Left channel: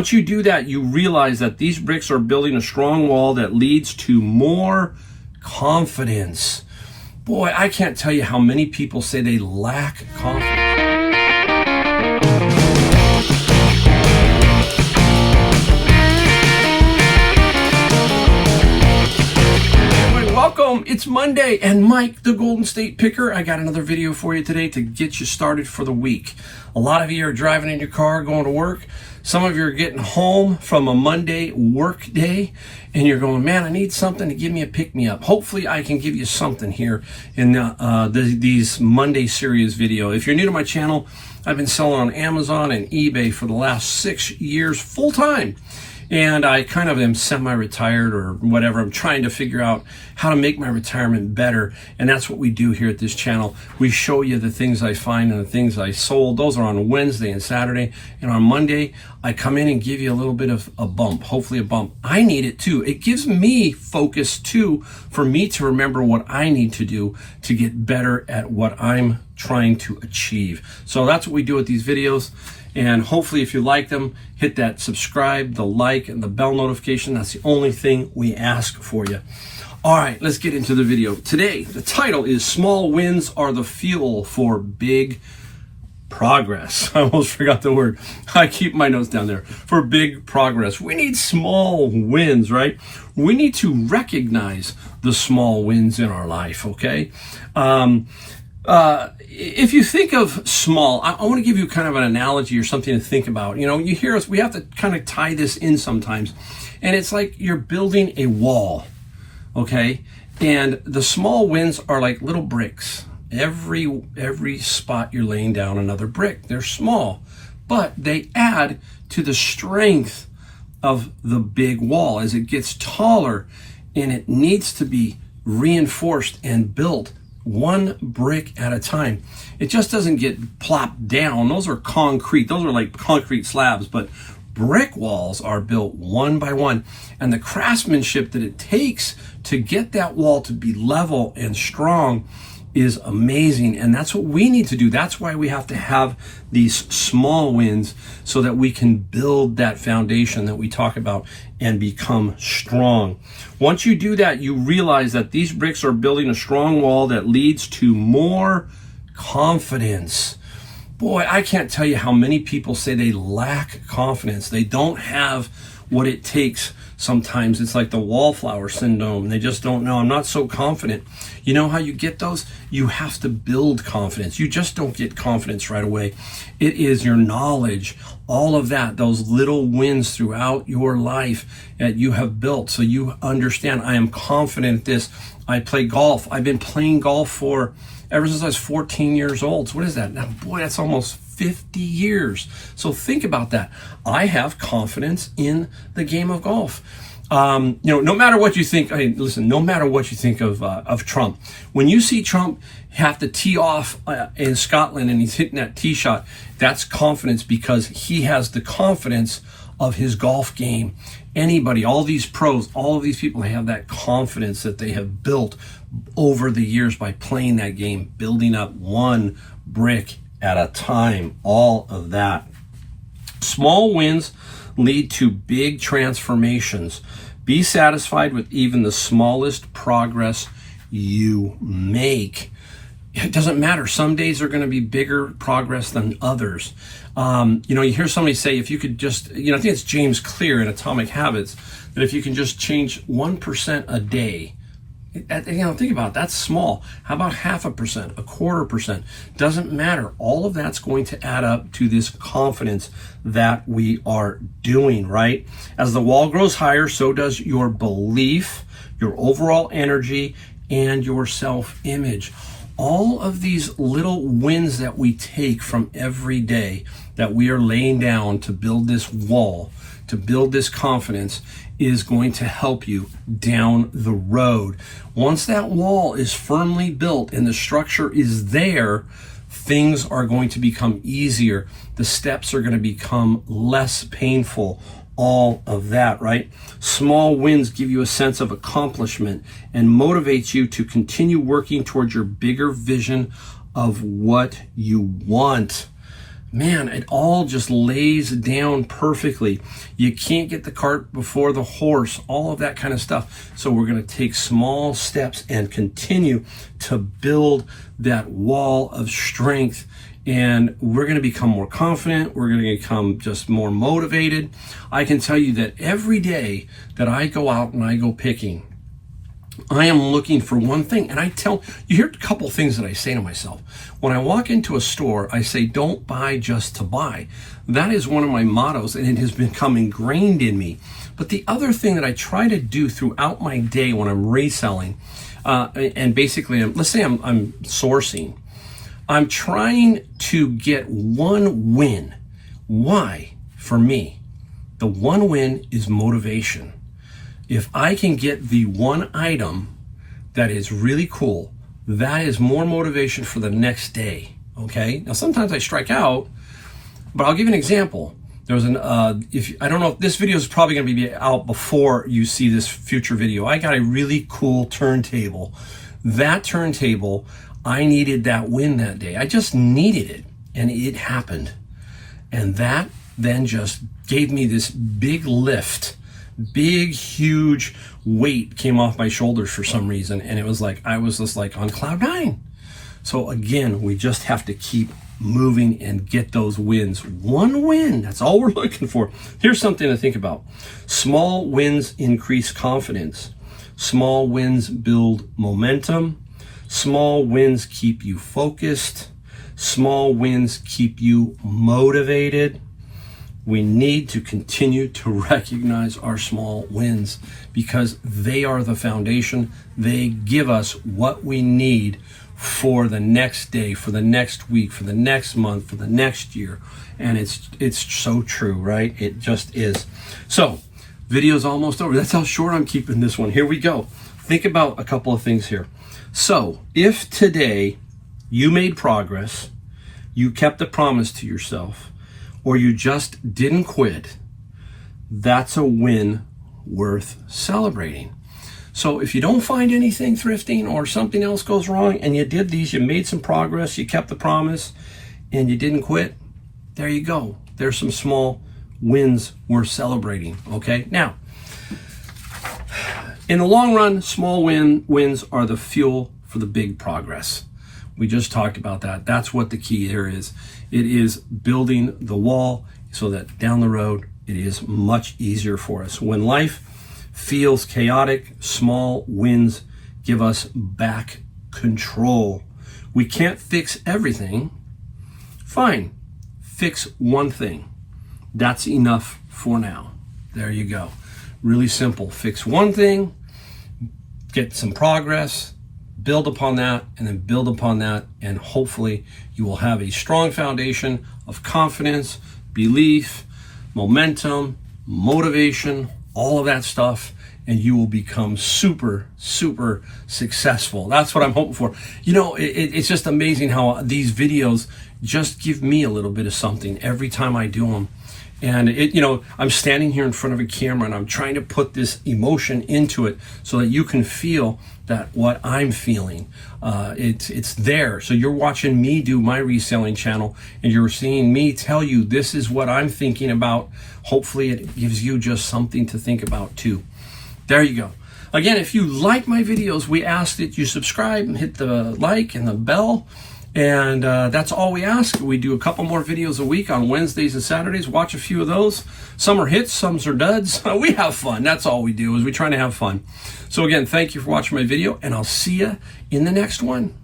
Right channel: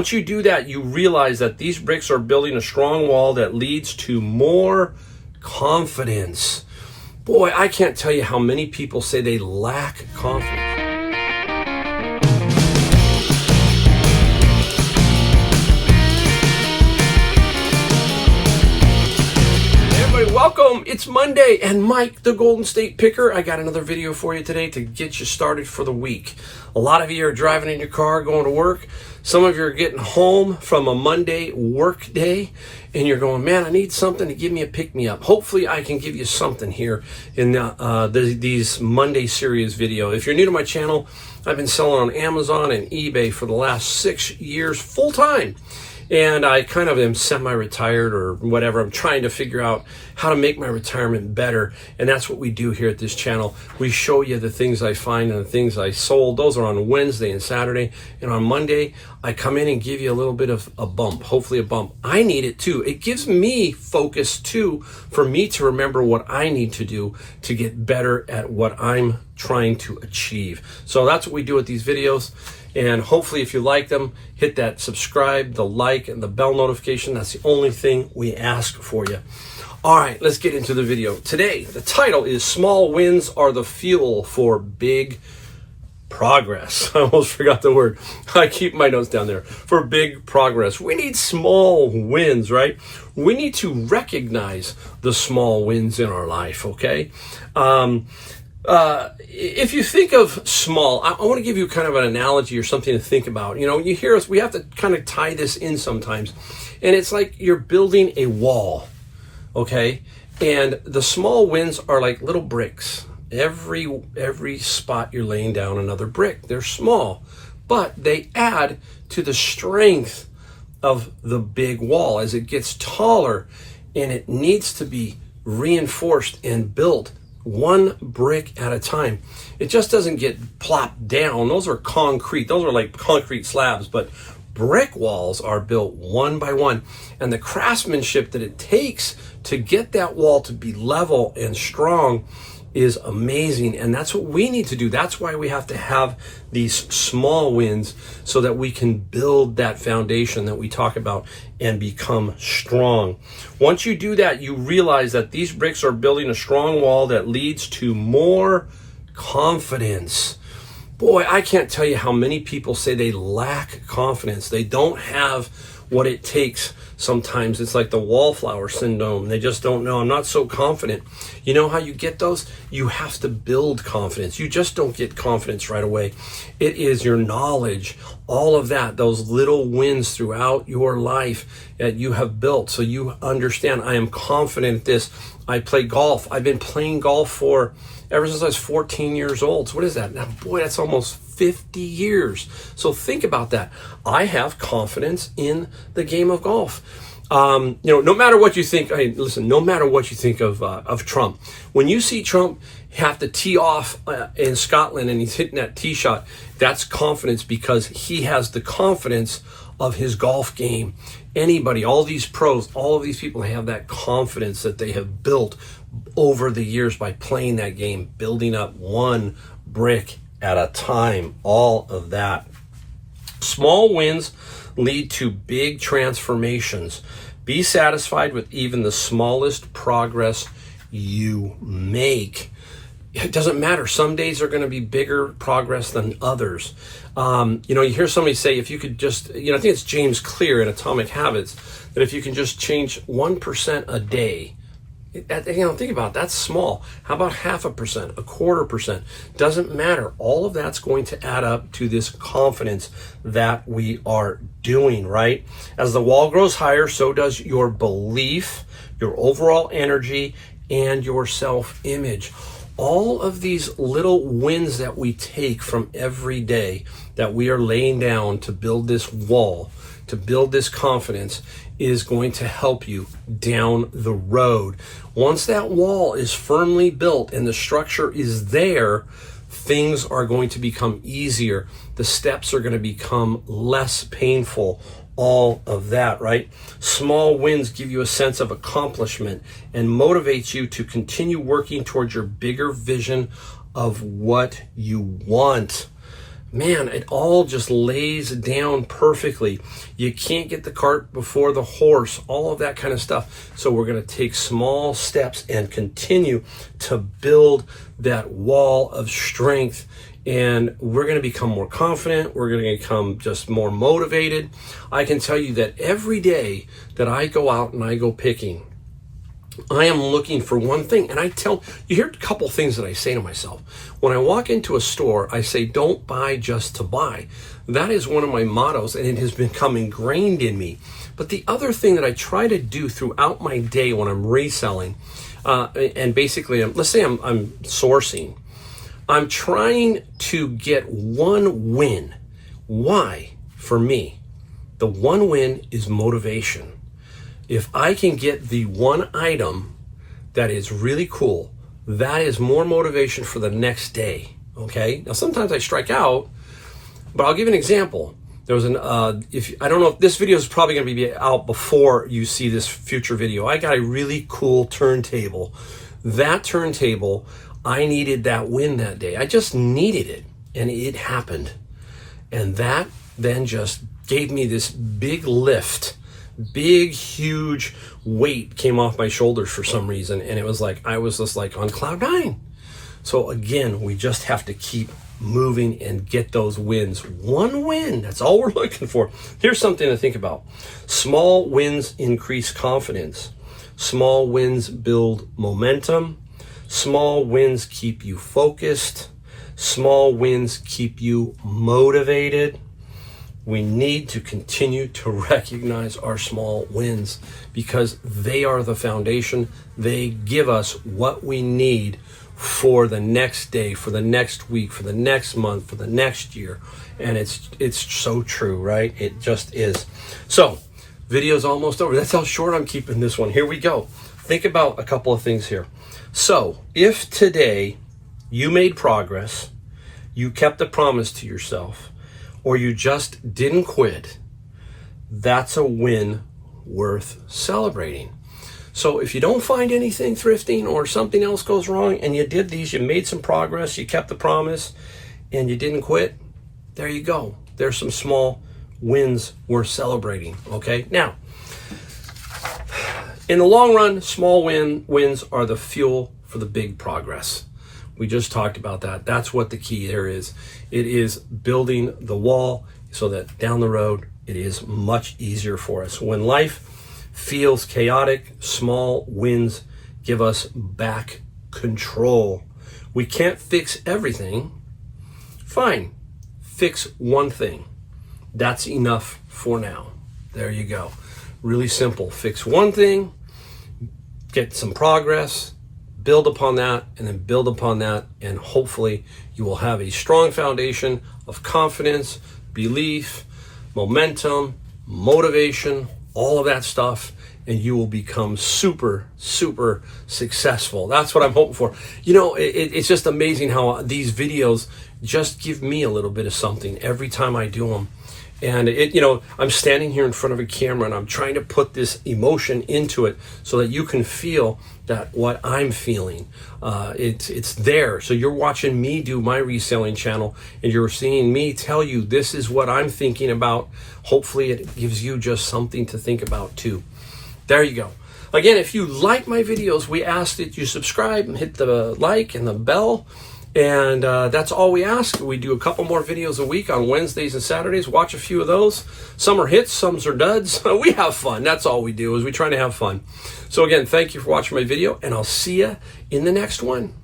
Once you do that, you realize that these bricks are building a strong wall that leads to more confidence. Boy, I can't tell you how many people say they lack confidence. Welcome, it's Monday, and Mike, the Golden State Picker, I got another video for you today to get you started for the week. A lot of you are driving in your car going to work. Some of you are getting home from a Monday work day, and you're going, man, I need something to give me a pick-me-up. Hopefully, I can give you something here in these Monday series video. If you're new to my channel, I've been selling on Amazon and eBay for the last 6 years full-time. And I kind of am semi-retired or whatever. I'm trying to figure out how to make my retirement better. And that's what we do here at this channel. We show you the things I find and the things I sold. Those are on Wednesday and Saturday. And on Monday, I come in and give you a little bit of a bump, hopefully a bump. I need it too. It gives me focus too, for me to remember what I need to do to get better at what I'm trying to achieve. So that's what we do with these videos. And hopefully, if you like them, hit that subscribe, the like, and the bell notification. That's the only thing we ask for you. All right, let's get into the video. Today, the title is Small Wins Are the Fuel for Big Progress. I almost forgot the word. I keep my notes down there. For big progress. We need small wins, right? We need to recognize the small wins in our life, okay? If you think of small, I want to give you kind of an analogy or something to think about. You know, you hear us, we have to kind of tie this in sometimes. And it's like you're building a wall, okay? And the small wins are like little bricks. Every spot you're laying down another brick. They're small, but they add to the strength of the big wall as it gets taller, and it needs to be reinforced and built one brick at a time. It just doesn't get plopped down. Those are concrete. Those are like concrete slabs, but brick walls are built one by one. And the craftsmanship that it takes to get that wall to be level and strong is amazing. And that's what we need to do. That's why we have to have these small wins so that we can build that foundation that we talk about and become strong. Once you do that, you realize that these bricks are building a strong wall that leads to more confidence. Boy, I can't tell you how many people say they lack confidence. They don't have what it takes. Sometimes it's like the wallflower syndrome. They just don't know. I'm not so confident. You know how you get those? You have to build confidence. You just don't get confidence right away. It is your knowledge, all of that, those little wins throughout your life that you have built. So you understand, I am confident at this. I play golf. I've been playing golf ever since I was 14 years old. So what is that? Now, boy, that's almost 50 years. So think about that. I have confidence in the game of golf. No matter what you think, hey, listen, no matter what you think of Trump, when you see Trump have to tee off in Scotland and he's hitting that tee shot, that's confidence because he has the confidence of his golf game. Anybody, all these pros, all of these people have that confidence that they have built over the years by playing that game, building up one brick at a time, all of that. Small wins lead to big transformations. Be satisfied with even the smallest progress you make. It doesn't matter. Some days are going to be bigger progress than others. You hear somebody say, if you could just, I think it's James Clear in Atomic Habits, that if you can just change 1% a day, think about it, that's small. How about 0.5%, 0.25%? Doesn't matter. All of that's going to add up to this confidence that we are doing, right? As the wall grows higher, so does your belief, your overall energy, and your self-image. All of these little wins that we take from every day that we are laying down to build this wall, to build this confidence, is going to help you down the road. Once that wall is firmly built and the structure is there, things are going to become easier. The steps are going to become less painful. All of that, right? Small wins give you a sense of accomplishment and motivates you to continue working towards your bigger vision of what you want. man, it all just lays down perfectly. You can't get the cart before the horse, all of that kind of stuff. So we're going to take small steps and continue to build that wall of strength. And we're going to become more confident. We're going to become just more motivated. I can tell you that every day that I go out and I go picking, I am looking for one thing. And you hear a couple things that I say to myself. When I walk into a store, I say, don't buy just to buy. That is one of my mottos, and it has become ingrained in me. But the other thing that I try to do throughout my day when I'm reselling, and basically, let's say I'm sourcing, I'm trying to get one win. Why? For me, the one win is motivation. If I can get the one item that is really cool, that is more motivation for the next day, okay? Now, sometimes I strike out, but I'll give you an example. There was I don't know if this video is probably gonna be out before you see this future video. I got a really cool turntable. That turntable, I needed that win that day. I just needed it, and it happened. And that then just gave me this big lift. Big, huge weight came off my shoulders for some reason, and it was like I was just like on cloud nine. So again, we just have to keep moving and get those wins. One win, that's all we're looking for. Here's something to think about. Small wins increase confidence. Small wins build momentum. Small wins keep you focused. Small wins keep you motivated. We need to continue to recognize our small wins because they are the foundation. They give us what we need for the next day, for the next week, for the next month, for the next year. And it's so true, right? It just is. So, video's almost over. That's how short I'm keeping this one. Here we go. Think about a couple of things here. So, if today you made progress, you kept the promise to yourself, or you just didn't quit, that's a win worth celebrating. So if you don't find anything thrifting or something else goes wrong and you did these, you made some progress, you kept the promise, and you didn't quit, there you go. There's some small wins worth celebrating, okay? Now, in the long run, small wins are the fuel for the big progress. We just talked about that. That's what the key there is. It is building the wall so that down the road, it is much easier for us. When life feels chaotic, small wins give us back control. We can't fix everything. Fine, fix one thing. That's enough for now. There you go. Really simple. Fix one thing, get some progress, build upon that, and then build upon that, and hopefully you will have a strong foundation of confidence, belief, momentum, motivation, all of that stuff, and you will become super, super successful. That's what I'm hoping for. You know, it's just amazing how these videos just give me a little bit of something every time I do them. And I'm standing here in front of a camera and I'm trying to put this emotion into it so that you can feel that what I'm feeling, it's there. So you're watching me do my reselling channel and you're seeing me tell you this is what I'm thinking about. Hopefully it gives you just something to think about too. There you go. Again, if you like my videos, we ask that you subscribe and hit the like and the bell. And that's all we ask. We do a couple more videos a week on Wednesdays and Saturdays. Watch a few of those. Some are hits, some are duds. We have fun. That's all we do, is we try to have fun. So again, thank you for watching my video, and I'll see you in the next one.